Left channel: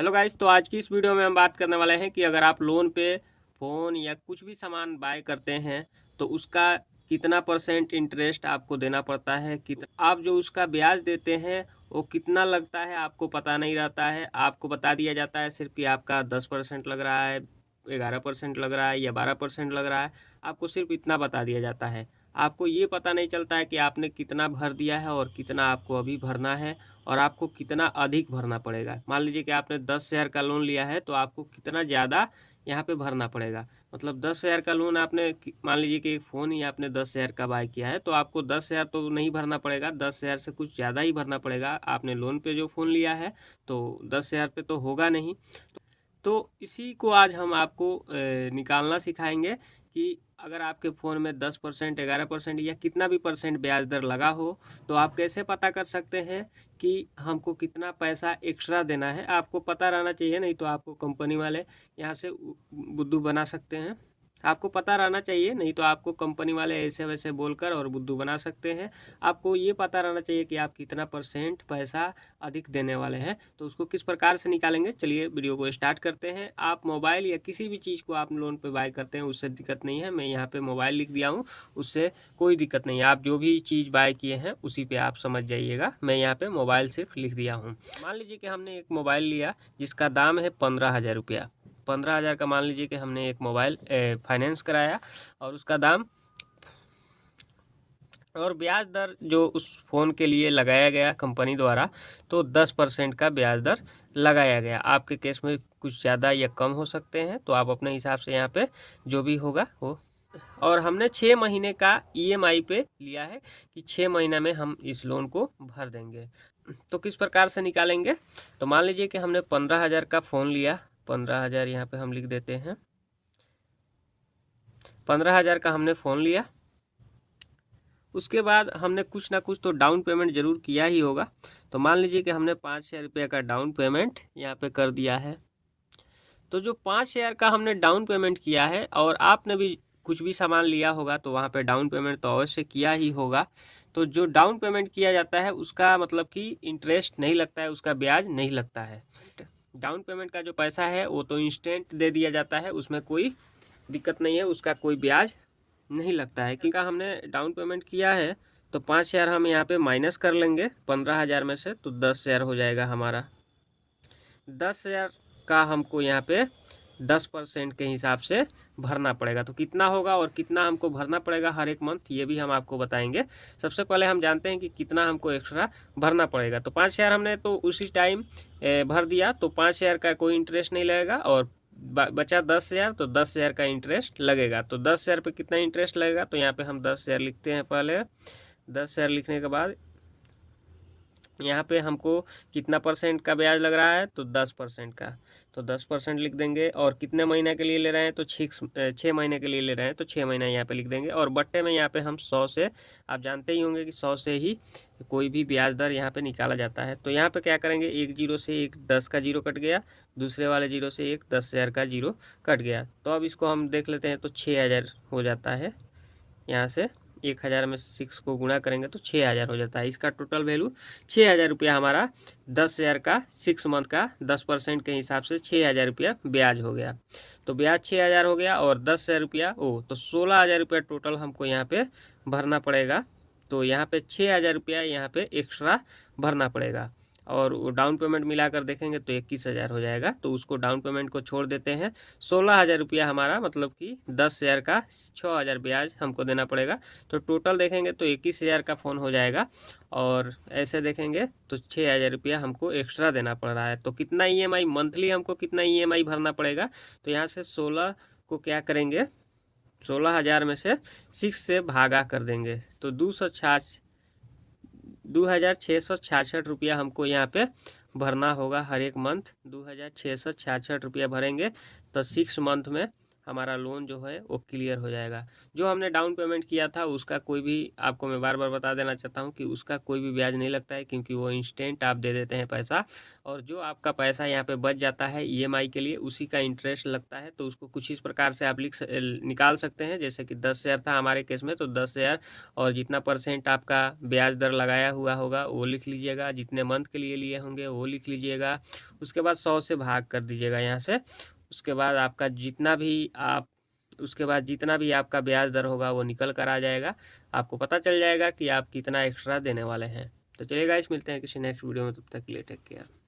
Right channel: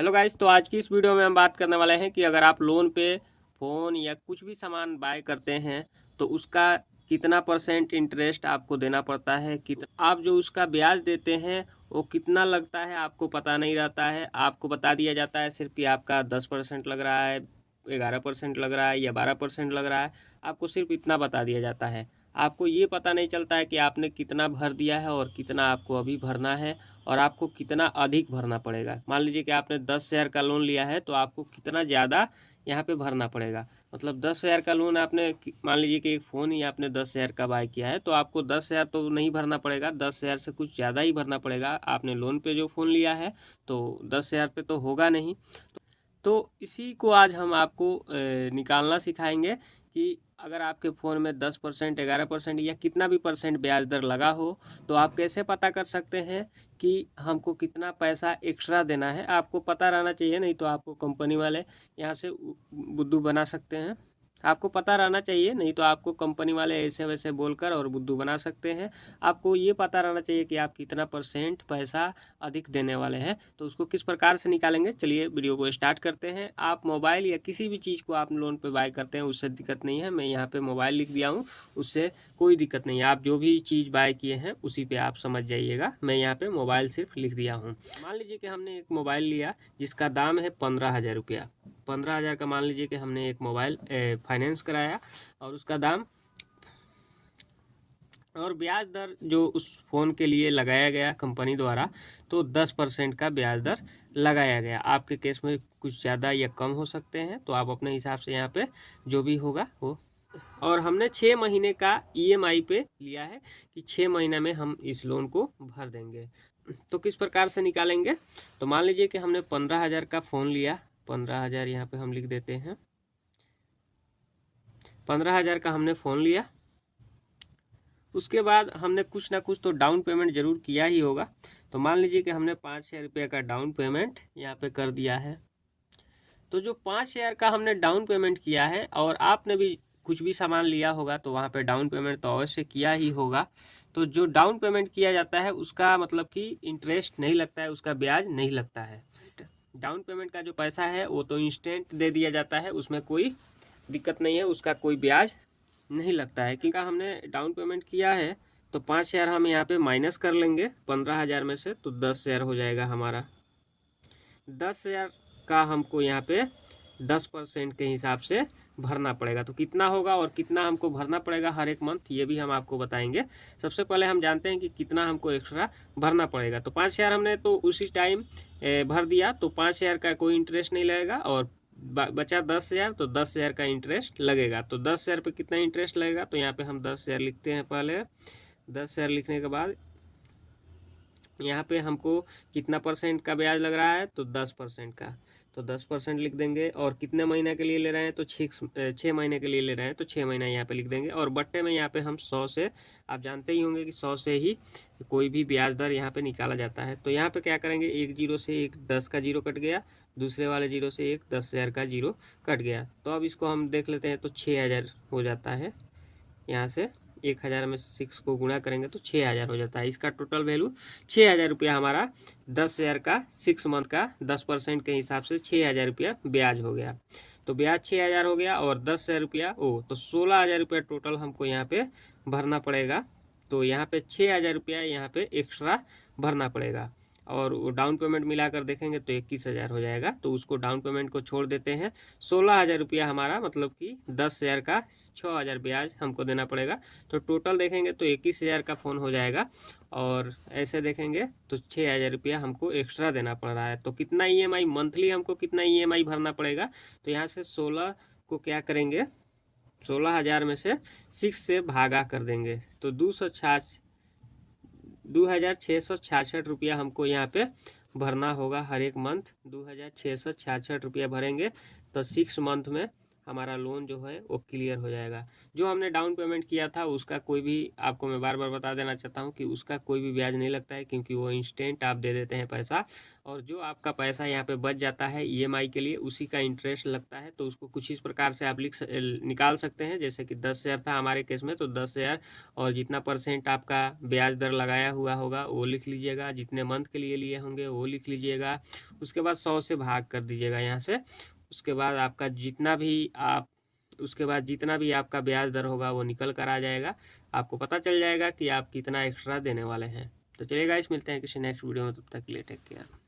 Hello guys, तो आज की इस वीडियो में हम बात करने वाले हैं कि अगर आप लोन पे फ़ोन या कुछ भी सामान बाय करते हैं तो उसका कितना परसेंट इंटरेस्ट आपको देना पड़ता है, आप जो उसका ब्याज देते हैं वो कितना लगता है आपको पता नहीं रहता है। आपको बता दिया जाता है सिर्फ कि आपका 10% लग रहा है, 11% लग रहा है या 12% लग रहा है। आपको सिर्फ इतना बता दिया जाता है। आपको ये पता नहीं चलता है कि आपने कितना भर दिया है और कितना आपको अभी भरना है और आपको कितना अधिक भरना पड़ेगा। मान लीजिए कि आपने 10,000 का लोन लिया है तो आपको कितना ज़्यादा यहाँ पे भरना पड़ेगा। मतलब 10,000 का लोन आपने मान लीजिए कि एक फ़ोन ही आपने 10,000 का बाय किया है तो आपको 10,000 तो नहीं भरना पड़ेगा, 10,000 से कुछ ज़्यादा ही भरना पड़ेगा। आपने लोन पे जो फ़ोन लिया है तो 10,000 पे तो होगा नहीं। तो इसी को आज हम आपको निकालना सिखाएंगे कि अगर आपके फ़ोन में 10%, 11% या कितना भी परसेंट ब्याज दर लगा हो तो आप कैसे पता कर सकते हैं कि हमको कितना पैसा एक्स्ट्रा देना है। आपको पता रहना चाहिए, नहीं तो आपको कंपनी वाले यहाँ से बुद्धू बना सकते हैं। आपको पता रहना चाहिए, नहीं तो आपको कंपनी वाले ऐसे वैसे बोलकर और बुद्धू बना सकते हैं। आपको ये पता रहना चाहिए कि आप कितना परसेंट पैसा अधिक देने वाले हैं। तो उसको किस प्रकार से निकालेंगे, चलिए वीडियो को स्टार्ट करते हैं। आप मोबाइल या किसी भी चीज़ को आप लोन पे बाय करते हैं उससे दिक्कत नहीं है। मैं यहाँ पे मोबाइल लिख दिया हूँ, उससे कोई दिक्कत नहीं है। आप जो भी चीज़ बाय किए हैं उसी पे आप समझ जाइएगा। मैं यहाँ पे मोबाइल सिर्फ लिख दिया हूँ। मान लीजिए कि हमने एक मोबाइल लिया जिसका दाम है 15,000 रुपया। 15,000 का मान लीजिए कि हमने एक मोबाइल फाइनेंस कराया और उसका दाम और ब्याज दर जो उस फ़ोन के लिए लगाया गया कंपनी द्वारा तो 10% का ब्याज दर लगाया गया। आपके केस में कुछ ज़्यादा या कम हो सकते हैं, तो आप अपने हिसाब से यहाँ पे जो भी होगा वो। और हमने 6 महीने का ईएमआई पे लिया है कि 6 महीना में हम इस लोन को भर देंगे। तो किस प्रकार से निकालेंगे, तो मान लीजिए कि हमने 15,000 का फ़ोन लिया। 15,000 यहाँ पे हम लिख देते हैं। 15,000 का हमने फ़ोन लिया, उसके बाद हमने कुछ ना कुछ तो डाउन पेमेंट ज़रूर किया ही होगा। तो मान लीजिए कि हमने 5,000 रुपये का डाउन पेमेंट यहाँ पे कर दिया है। तो जो 5,000 का हमने डाउन पेमेंट किया है और आपने भी कुछ भी सामान लिया होगा तो वहाँ पे डाउन पेमेंट तो अवश्य किया ही होगा। तो जो डाउन पेमेंट किया जाता है उसका मतलब कि इंटरेस्ट नहीं लगता है, उसका ब्याज नहीं लगता है। डाउन पेमेंट का जो पैसा है वो तो इंस्टेंट दे दिया जाता है, उसमें कोई दिक्कत नहीं है, उसका कोई ब्याज नहीं लगता है। क्योंकि हमने डाउन पेमेंट किया है तो 5,000 हम यहाँ पे माइनस कर लेंगे 15,000 में से, तो 10,000 हो जाएगा हमारा। 10,000 का हमको यहाँ पे 10% के हिसाब से भरना पड़ेगा। तो कितना होगा और कितना हमको भरना पड़ेगा हर एक मंथ, ये भी हम आपको बताएंगे। सबसे पहले हम जानते हैं कि कितना हमको एक्स्ट्रा भरना पड़ेगा। तो 5,000 हमने तो उसी टाइम भर दिया, तो 5,000 का कोई इंटरेस्ट नहीं लगेगा और बचा 10,000, तो 10,000 का इंटरेस्ट लगेगा। तो 10,000 पे कितना इंटरेस्ट लगेगा, तो यहाँ पे हम 10,000 लिखते हैं। पहले 10,000 लिखने के बाद यहाँ पे हमको कितना परसेंट का ब्याज लग रहा है, तो 10% का, तो 10% लिख देंगे। और कितने महीने के लिए ले रहे हैं, तो 6 महीने के लिए ले रहे हैं तो 6 महीना यहाँ पे लिख देंगे। और बट्टे में यहाँ पे हम 100 से, आप जानते ही होंगे कि 100 से ही कोई भी ब्याज दर यहाँ पे निकाला जाता है। तो यहाँ पे क्या करेंगे, एक जीरो से एक 10 का जीरो कट गया, दूसरे वाले जीरो से एक 10,000 का जीरो कट गया। तो अब इसको हम देख लेते हैं, तो 6,000 हो जाता है। यहाँ से 1,000 में 6 को गुणा करेंगे तो 6,000 हो जाता है। इसका टोटल वैल्यू 6,000 रुपया हमारा 10,000 का 6 मंथ का 10% के हिसाब से 6,000 रुपया ब्याज हो गया। तो ब्याज 6,000 हो गया और 10,000 रुपया तो 16,000 रुपया टोटल हमको यहाँ पे भरना पड़ेगा। तो यहाँ पे 6,000 रुपया यहाँ पे एक्स्ट्रा भरना पड़ेगा। और वो डाउन पेमेंट मिलाकर देखेंगे तो 21,000 हो जाएगा। तो उसको डाउन पेमेंट को छोड़ देते हैं। 16,000 रुपया हमारा मतलब कि 10,000 का 6,000 ब्याज हमको देना पड़ेगा। तो टोटल देखेंगे तो 21,000 का फ़ोन हो जाएगा। और ऐसे देखेंगे तो 6,000 रुपया हमको एक्स्ट्रा देना पड़ रहा है। तो कितना ईएमआई मंथली हमको कितना ईएमआई भरना पड़ेगा, तो यहाँ से 16 को क्या करेंगे, 16,000 में से 6 से भागा कर देंगे तो 2,666 रुपया हमको यहाँ पे भरना होगा हर एक मंथ। 2,666 रुपया भरेंगे तो 6 मंथ में हमारा लोन जो है वो क्लियर हो जाएगा। जो हमने डाउन पेमेंट किया था उसका कोई भी, आपको मैं बार बार बता देना चाहता हूँ कि उसका कोई भी ब्याज नहीं लगता है, क्योंकि वो इंस्टेंट आप दे देते हैं पैसा। और जो आपका पैसा यहाँ पे बच जाता है ईएमआई के लिए, उसी का इंटरेस्ट लगता है। तो उसको कुछ इस प्रकार से आप निकाल सकते हैं, जैसे कि 10,000 था हमारे केस में, तो 10,000 और जितना % आपका ब्याज दर लगाया हुआ होगा वो लिख लीजिएगा, जितने मंथ के लिए लिए होंगे वो लिख लीजिएगा। उसके बाद 100 से भाग कर दीजिएगा यहाँ से। उसके बाद आपका जितना भी आपका ब्याज दर होगा वो निकल कर आ जाएगा। आपको पता चल जाएगा कि आप कितना एक्स्ट्रा देने वाले हैं। तो चलिए गाइस, मिलते हैं किसी नेक्स्ट वीडियो में, तब तक के लिए टेक केयर।